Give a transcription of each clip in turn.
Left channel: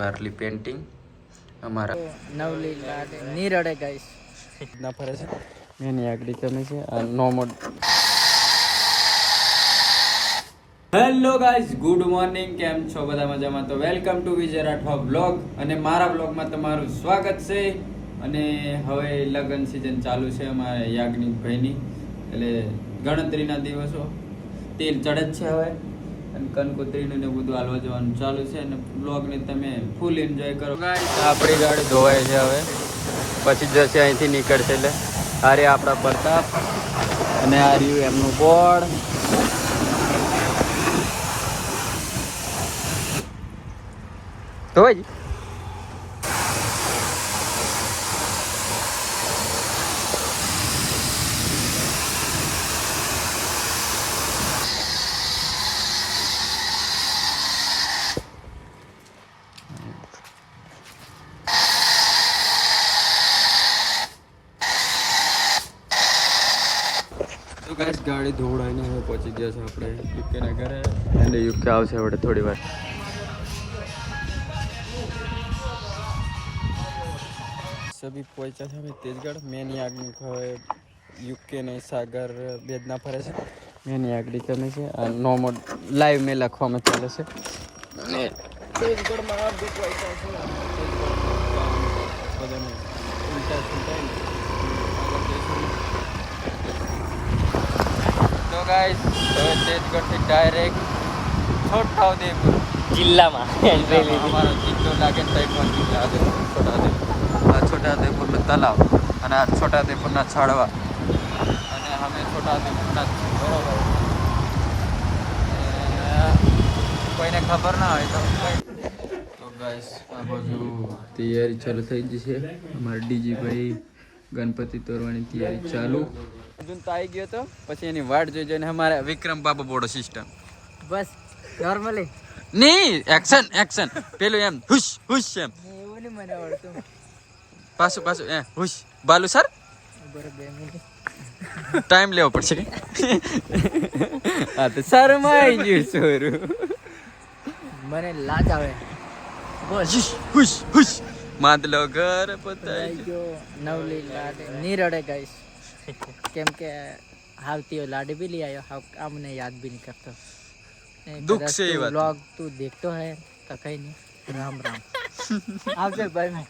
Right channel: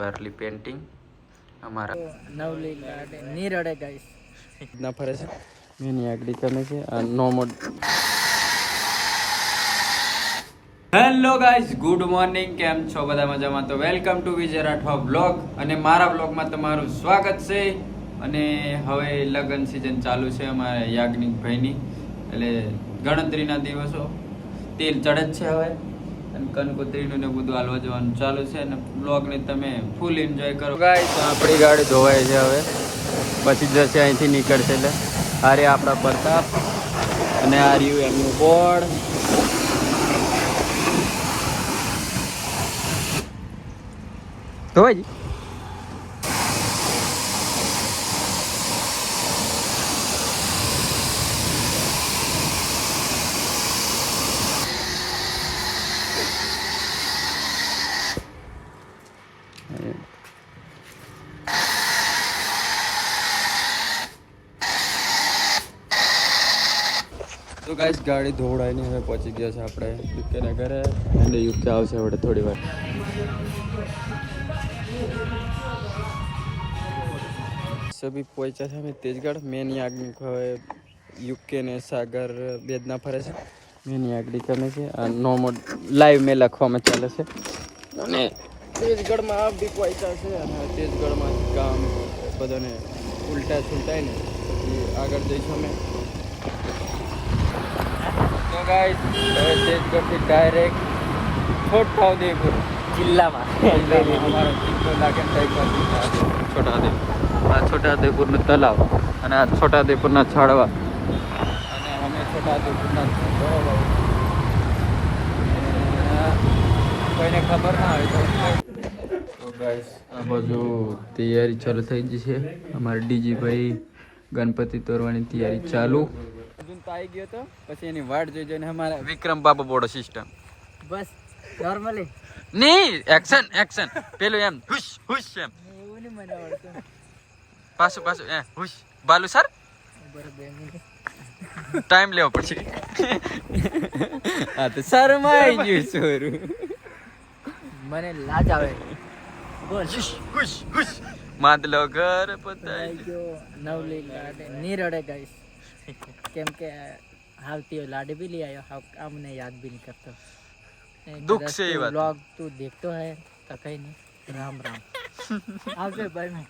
Warli painting અમારા નવલી લાડે નીરડે guys ના ફરે છે મેની આગળ તમે છે આ નોમોડ. Hello guys, good morning. કેમ છો બધા મજામાં? તો welcome to Vijay Rathwa blog અને મારા બ્લોગમાં તમારું સ્વાગત છે. અને હવે લગ્ન સિઝન ચાલુ છે અમારા યાજ્ઞિક ભાઈની, એટલે ગણતરીના દિવસો તેલ ચડે જ છે હવે, અને કંકોત્રીનું ને બધું હાલવા જવાનું ચાલુ છે. અને બ્લોગને તમે ફૂલ એન્જોય કરો ગાઈસ. આપણી ગાડી ધોવાય છે હવે, પછી જશે અહીંથી નીકળશે એટલે ગાડી આપણા પર છે. અને આ રહ્યું એમનું બોર્ડ. ધોવાય તો ગાઈસ, ગાડી ધોવડાવીને હવે પહોંચી ગયા છે આપણે યુકેના ઘરે. અને યુકે આવશે હવે થોડી વાર. સભી પહોંચ્યા છે અમે તેજગઢ. મેની આગળ હવે યુકે ને સાગર બેદના ફરે છે. મેની આગળ તમે છે આ નોમોડ લાઈવ મેં લખવામાં ચાલે છે. અને તેજગઢમાં બી પહોંચ્યા છે. તેજગઢમાં કામ બધાને ઉલટા સુલટાય ને આગળ જઈશું અમે. તો ગાઈસ, હવે તેજગઢથી ડાયરેક્ટ છોટાઉદેપુર જિલ્લામાં અમારો જિલ્લો લાગે ને આ છોટાઉદેપુરનું તલાવ અને આ છોટાઉદેપુરના છાડવા. અને અમે છોટાઉદેપુરના બરોબર કોઈને ખબર ના હોય તો ગાઈસ, આ બાજુ તૈયારી ચાલુ થઈ ગઈ છે. અમારા ડીજીભાઈ ગણપતિ તોરવાની તૈયારી ચાલુ. અર્જુન તો આવી ગયો તો પછી એની વાટ જોઈ જોઈને અમારે વિક્રમ બાબા બોડો સિસ્ટમ. બસ નોર્મલી નહીં, એક્શન એક્શન પેલું એમ હુશ હુશ એમ એવું નહીં મને આવડતું. પાછું પાછું હુશ બાલુ સર બરાબર 2 મિનિટ ટાઈમ લેવો પડશે કે હા તો શરમાઈ ગયું છોરું. મને લાજ આવે. બોલ હુશ હુશ માદલો ઘર પતાય ગયો નવલી લાડે નીરડે ગાઈસ. કેમ કે हावती लाडे भी ले आयो हाव हमने याद भी नहीं करता. दुख से ये बात. व्लॉग तू देखतो है तो कहीं नहीं. राम राम आपसे भाई मैं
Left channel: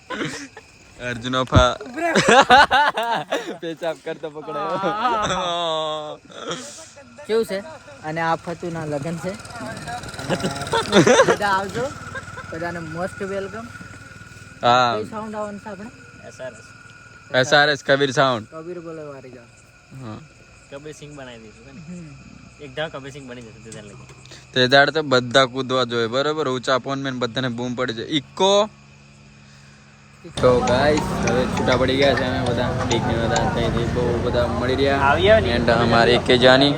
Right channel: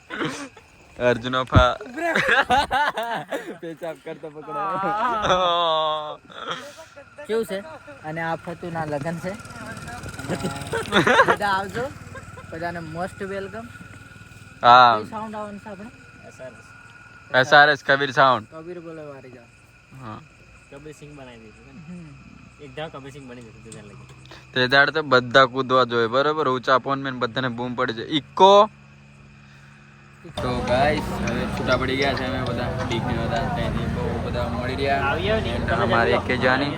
अर्जुन फा पेचाब કરતો પકડ્યો કેવું છે. અને આ ફતુના લગન છે. બધા આવજો, બધાને મોસ્ટ વેલકમ. હા, સાઉન્ડ આવવાનું છે આપણે એસઆરએસ કબીર સાઉન્ડ. કબીર બોલે વારી જાવ. હા, કબીર સિંહ બનાવી દઈશું એક ઢા કબીર સિંહ બની જશે તે લગી. તે દાડ તો બધા કૂદવા જોઈએ બરોબર. ઊંચા પોન મેં બધાને બૂમ પડી જાય ઇકો. તો ગાઈસ, હવે છૂટા પડી ગયા છે અમે બધા ડીકની બધા ત્યાંથી બહુ બધા મળી રહ્યા. એન્ડ અમારે એક જાની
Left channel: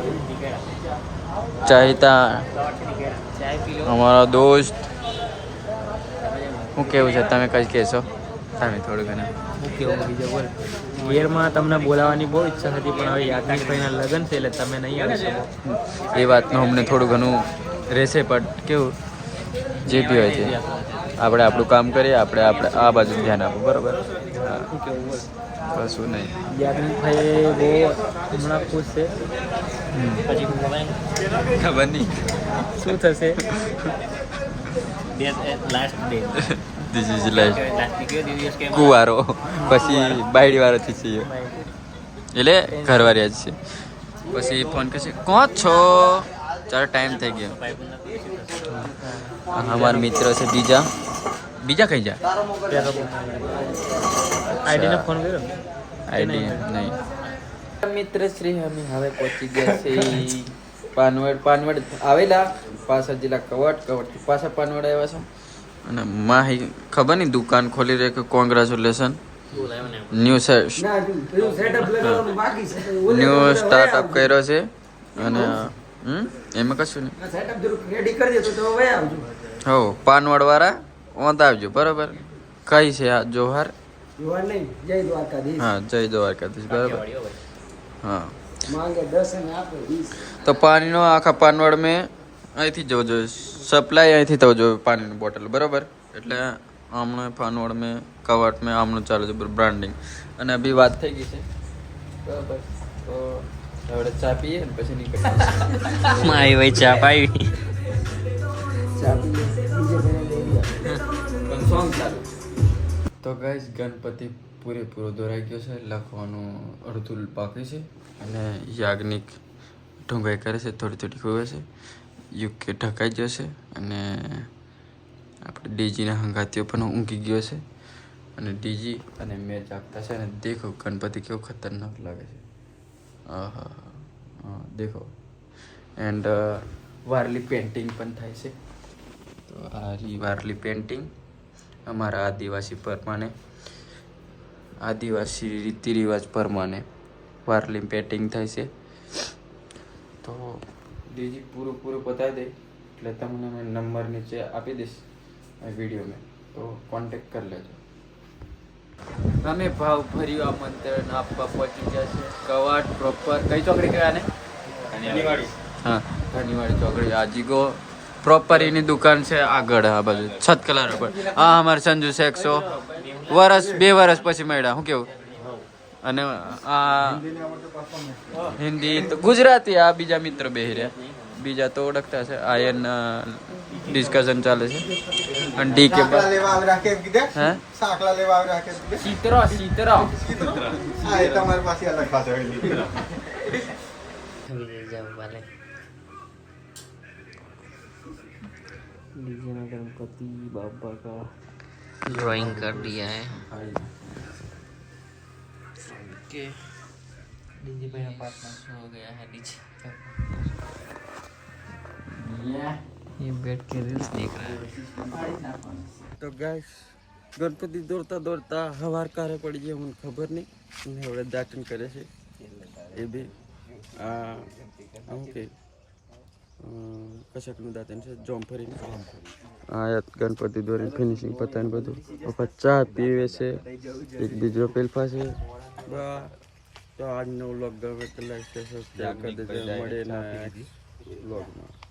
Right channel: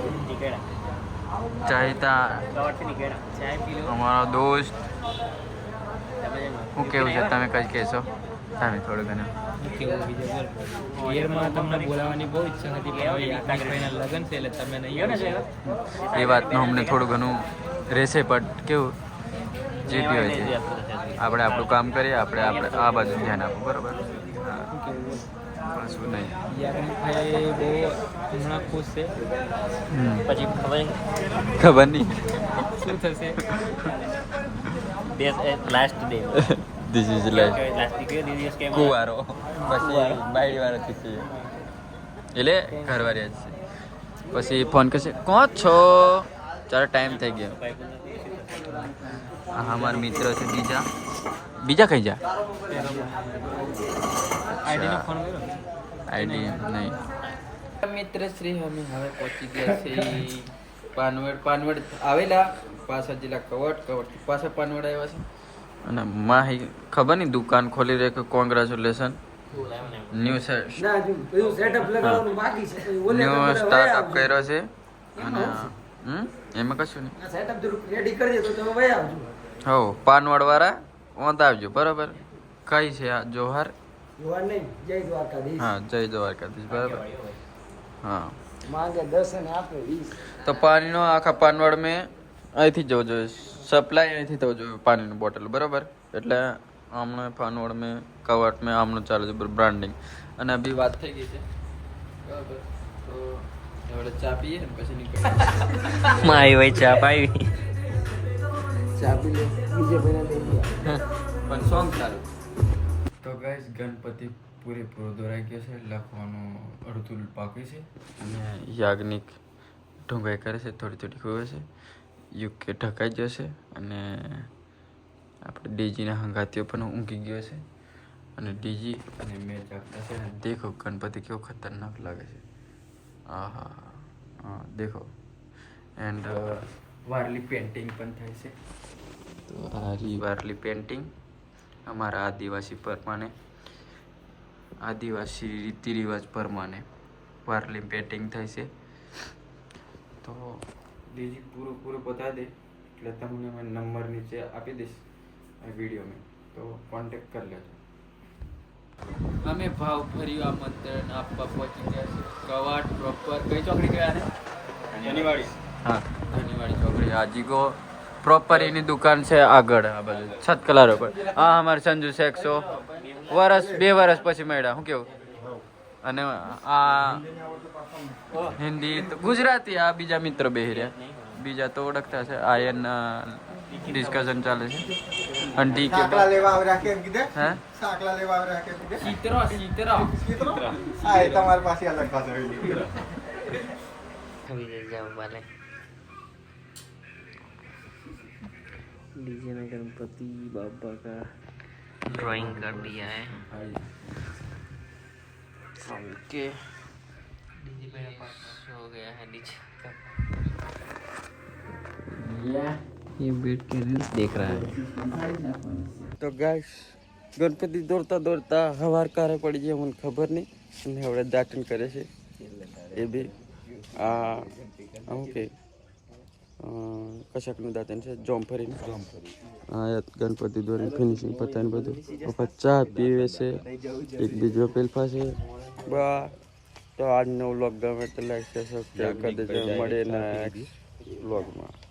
ચાહીતા અમારો દોસ્ત. શું કેવું છે તમે કઈ કહેશો તમે થોડું ઘણું? હું કેવું બીજો બોલ. ઘેરમાં તમને બોલાવવાની બહુ ઈચ્છા હતી પણ હવે યાજ્ઞિકભાઈના લગ્ન છે એટલે તમે નહીં આવી શકો. એ વાતનું અમને થોડું ઘણું રહેશે, પણ કેવું જે બી હોય છે આપણે આપણું કામ કરીએ, આપણે આ બાજુ ધ્યાન આપવું બરોબર. હા, શું કેવું બોલ. કશું નહીં. યાજ્ઞિકભાઈ બહુ હમણાં ખુશ છે. ખબર નહીં શું થશે. Last day this is life કુવારો પછી બાયડી વાળો થી છે એટલે ઘરવાળી જ છે. પછી ફોન કરશે કોણ છો, ચાલો ટાઈમ થઈ ગયો. હા, અમારા મિત્ર છે બીજા કઈ જા આઈડી નહીં. મિત્ર શ્રી અમે હવે પહોંચી ગયા છે પાનવડ આવેલા પાછા જિલ્લા કવટ પાછા પાનવડ આવ્યા છે. અને માહી ખબર નહીં દુકાન ખોલી રહે કે કોંગ્રેચ્યુલેશન ન્યૂ સ્ટાર્ટઅપ કર્યો છે. અને એમાં કશું નહીં. હો, પાનવડ વાળા ઓંત આવજો બરાબર. કઈ છે આ જોહાર? હા, જય દ્વારકાધીશ બરાબર. હા, તો પાણીનો આખા પાનવડ મેં અહીંથી જવું જોઈએ, સપ્લાય અહીંથી થવું જોઈએ પાણીની બોટલ બરાબર. એટલે હમણાં ફાનવડ મેં કવાટ મેં આમનું ચાલે છે બ્રાન્ડિંગ અને અભી વાત થઈ ગઈ છે બરાબર તો હવે ચા પીએ ને પછી નીકળીએ મારી ભાઈ ચા પાવી પણ સોંગ ચાલુ તો ગાઈસ ગણપતિ પૂરેપૂરો દોરાઈ ગયો છે લખવાનું અડધું બાકી છે અને યાજ્ઞિક ઢોંગાઈ કરે છે થોડી થોડી ખોવે છે યુકે ઢકાઈ જશે અને આપણે ડીજીના હંગાતીઓ પણ ઊંઘી ગયો છે અને ડીજી અને મેચ આપતા છે અને દેખો ગણપતિ કેવો ખતરનાક લાગે છે આહા હા દેખો એન્ડ વારલી પેન્ટિંગ પણ થાય છે તો આ વારલી પેન્ટિંગ અમારા આદિવાસી પ્રમાણે આદિવાસી રીતિ રિવાજ પ્રમાણે વારલી પેન્ટિંગ થાય છે તો ડીજી પૂરું બતાવી દે એટલે તમને મેં નંબર નીચે આપી દઈશ વિડીયો મેં તો કોન્ટેક્ટ કરી લેજો અમે ભાવ ભર્યું આમંત્રણ આપવા પહોંચી ગયા છે કવાટ પ્રોપર કઈ ચોકડી કહેવાય ને હા ધનીવાડી ચોકડી આજીગો પ્રોપર એની દુકાન છે આગળ આ બાજુ છતકલા રોડ પર હા અમારે સંજુ શેખસો 2 વર્ષ પછી મળ્યા શું કેવું અને આ હિન્દી તો ગુજરાતી આ બીજા મિત્ર બેહી રહ્યા બીજા તો ઓળખતા છે આયન ડિસ્કશન ચાલે છે અને ડી કે હે સાકલા લેવા આવી રાખે સીતરા આ એ તમારી પાસે અલગ ભાષા હોય डीजे में गणपति बाबा का ड्राइंग कर दिया है ओके डीजे हो गया है डीजे ये बैठ के रील्स देख रहा है તો ગાઈસ ગણપતિ દોડતા હવાર કારે પડી જાય મને ખબર નહીં અને હવે દાટન કરે છે એ બી આ ઓકે કશાકનું દાંતન છે જોમફરી આ ગણપતિ દોરીને ફિનિશિંગ પતાને બધું પપ્પા ચા પીવે છે એક બીજો પેલફા છે બા તો આજનો વ્લોગ ગમે તો લાઈક સબસ્ક્રાઈબ કરી દેજો મળે નેક્સ્ટ વ્લોગમાં